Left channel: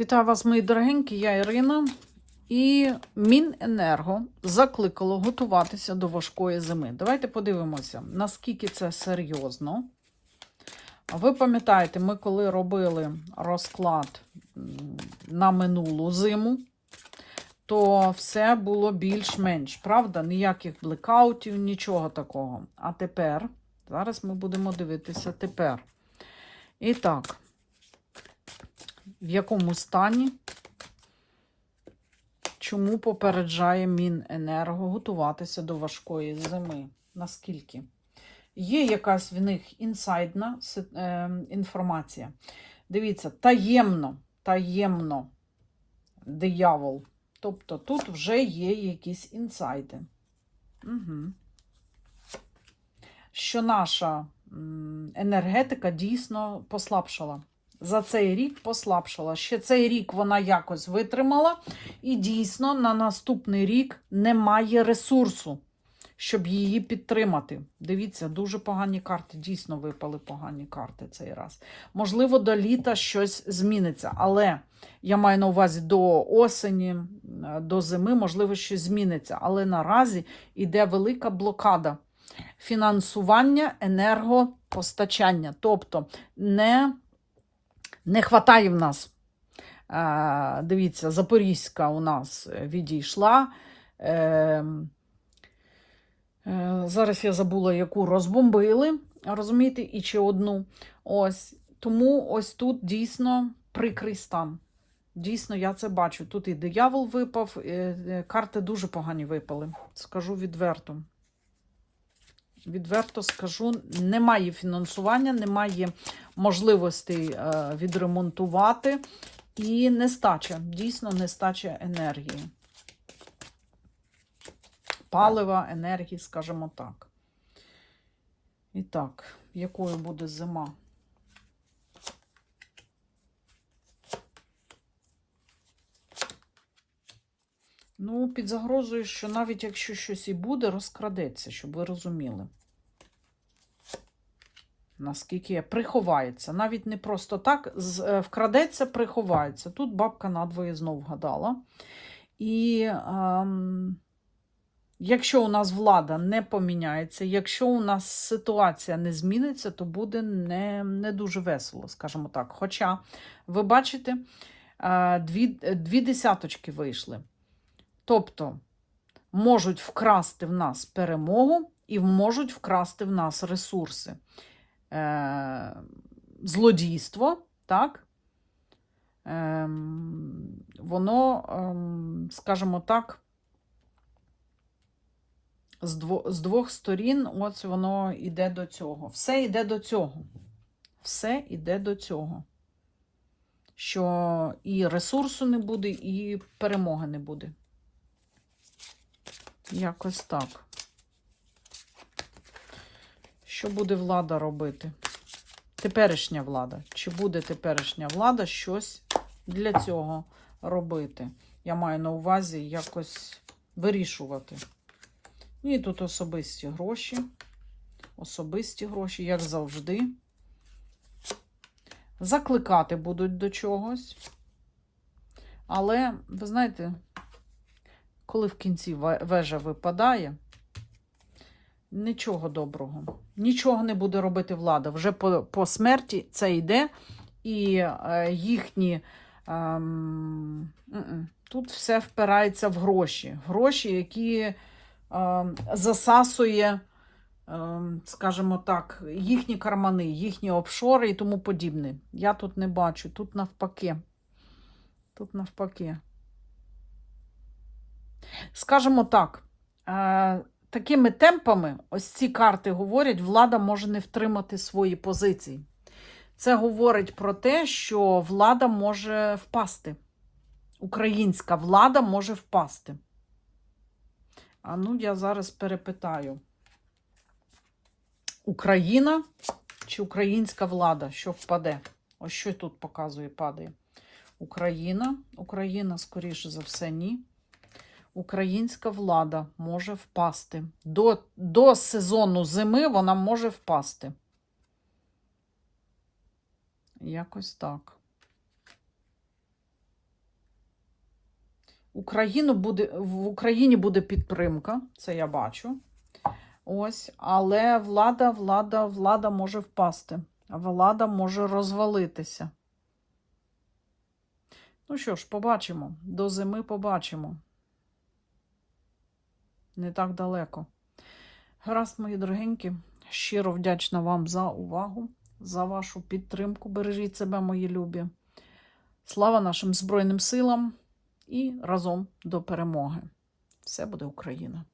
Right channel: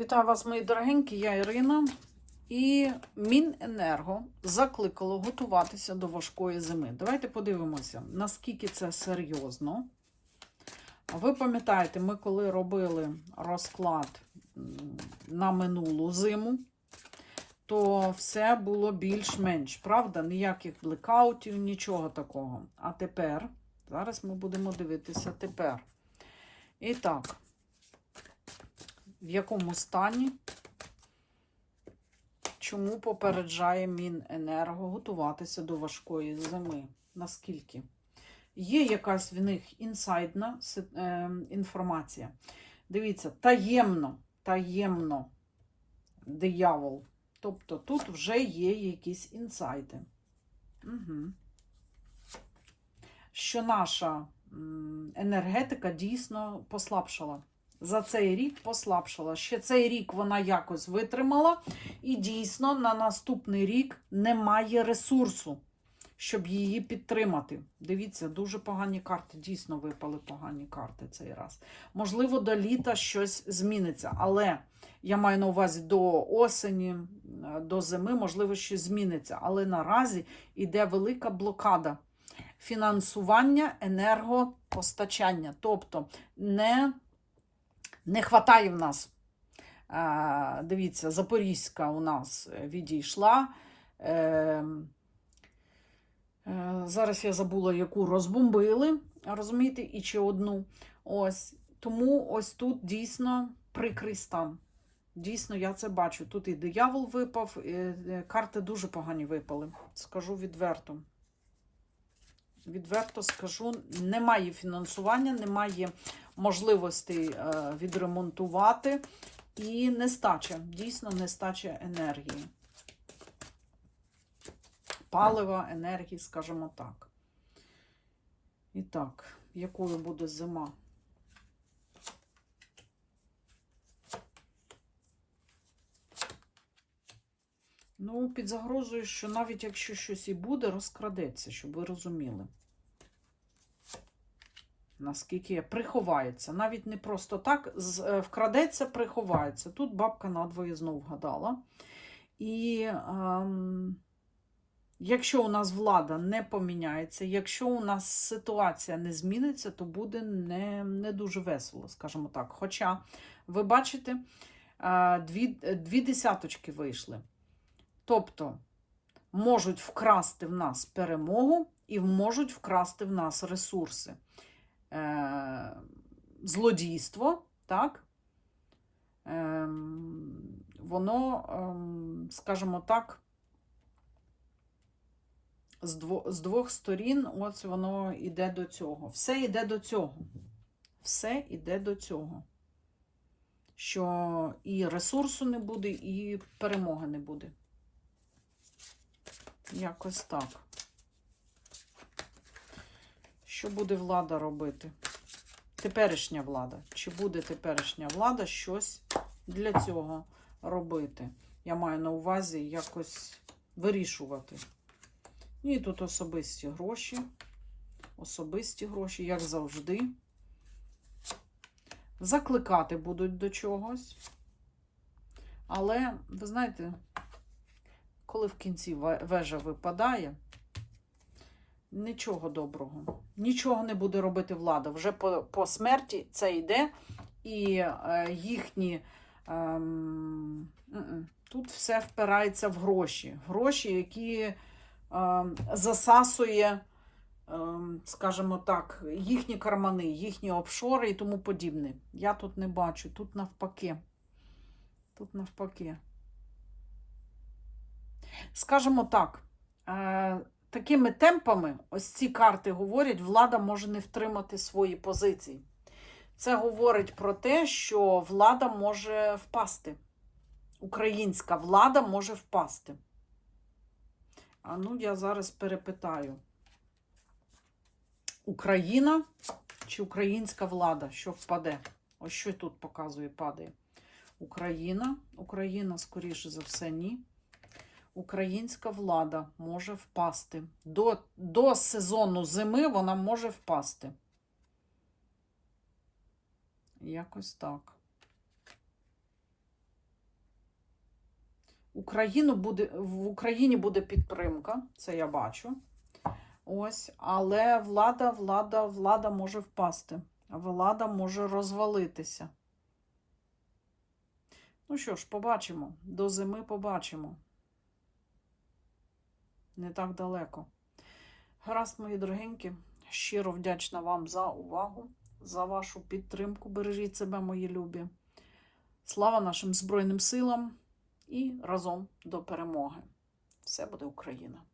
Вітаю вас, мої дорогенькі, я Ірина. І Міненерго закликало готуватися до важкої зими. Давайте подивимося, наскільки це серйозно. Ви пам'ятаєте, ми коли робили розклад на минулу зиму, то все було більш-менш, правда? Ніяких блекаутів, нічого такого. А тепер, зараз ми будемо дивитися тепер. І так, в якому стані, чому попереджає Міненерго готуватися до важкої зими? Наскільки? Є якась в них інсайдна е, інформація. Дивіться, таємно, таємно диявол. Тобто тут вже є якісь інсайди. Угу. Що наша енергетика дійсно послабшала. За цей рік послабшала. Ще цей рік вона якось витримала, і дійсно на наступний рік немає ресурсу, щоб її підтримати. Дивіться, дуже погані карти. Дійсно випали погані карти цей раз. Можливо, до літа щось зміниться, але я маю на увазі до осені, до зими, можливо, щось зміниться. Але наразі йде велика блокада фінансування енергопостачання. Тобто не, не хватає в нас. Е, Дивіться, Запорізька у нас відійшла. Е, е, Зараз я забула, яку розбомбили, розумієте, і чи одну. Ось. Тому ось тут дійсно прикрий стан. Дійсно, я це бачу. Тут і диявол випав, е, карти дуже погані випали. Скажу відверто. Відверто скажу, немає фінансування, немає можливостей е, відремонтувати і нестача, дійсно нестача енергії. Палива, енергії, скажімо так. І так, якою буде зима? Ну, під загрозою, що навіть якщо щось і буде, розкрадеться, щоб ви розуміли. Наскільки приховається. Навіть не просто так, е, вкрадеться, приховається. Тут бабка надвоє знов вгадала. І ем, якщо у нас влада не поміняється, якщо у нас ситуація не зміниться, то буде не, не дуже весело, скажімо так. Хоча, ви бачите, е, дві, дві десяточки вийшли. Тобто можуть вкрасти в нас перемогу і можуть вкрасти в нас ресурси. Е, злодійство, так? Ем, воно, ем, скажімо так, з, дво, з двох сторін ось воно йде до цього. Все йде до цього. Все йде до цього. Що і ресурсу не буде, і перемоги не буде. Якось так. Що буде влада робити? Теперішня влада. Чи буде теперішня влада щось для цього робити? Я маю на увазі якось вирішувати. І тут особисті гроші. Особисті гроші, як завжди. Закликати будуть до чогось. Але, ви знаєте, коли в кінці вежа випадає, нічого доброго. Нічого не буде робити влада. Вже по, по смерті це йде, і е, їхні. м-м, тут все впирається в гроші. Гроші, які ем, засасує, ем, скажімо так, їхні кармани, їхні офшори і тому подібне. Я тут не бачу, тут навпаки. Тут навпаки. Скажімо так, е, такими темпами, ось ці карти говорять, влада може не втримати свої позиції. Це говорить про те, що влада може впасти. Українська влада може впасти. А ну, я зараз перепитаю. Україна чи українська влада, що впаде? Ось що тут показує, падає. Україна. Україна, скоріше за все, ні українська влада може впасти. До, до сезону зими вона може впасти. Якось так. Україну буде, в Україні буде підтримка, це я бачу. Ось, але влада, влада, влада може впасти, влада може розвалитися. Ну що ж, побачимо. До зими побачимо. Не так далеко. Гаразд, мої дорогенькі, щиро вдячна вам за увагу, за вашу підтримку. Бережіть себе, мої любі. Слава нашим Збройним силам і разом до перемоги. Все буде Україна!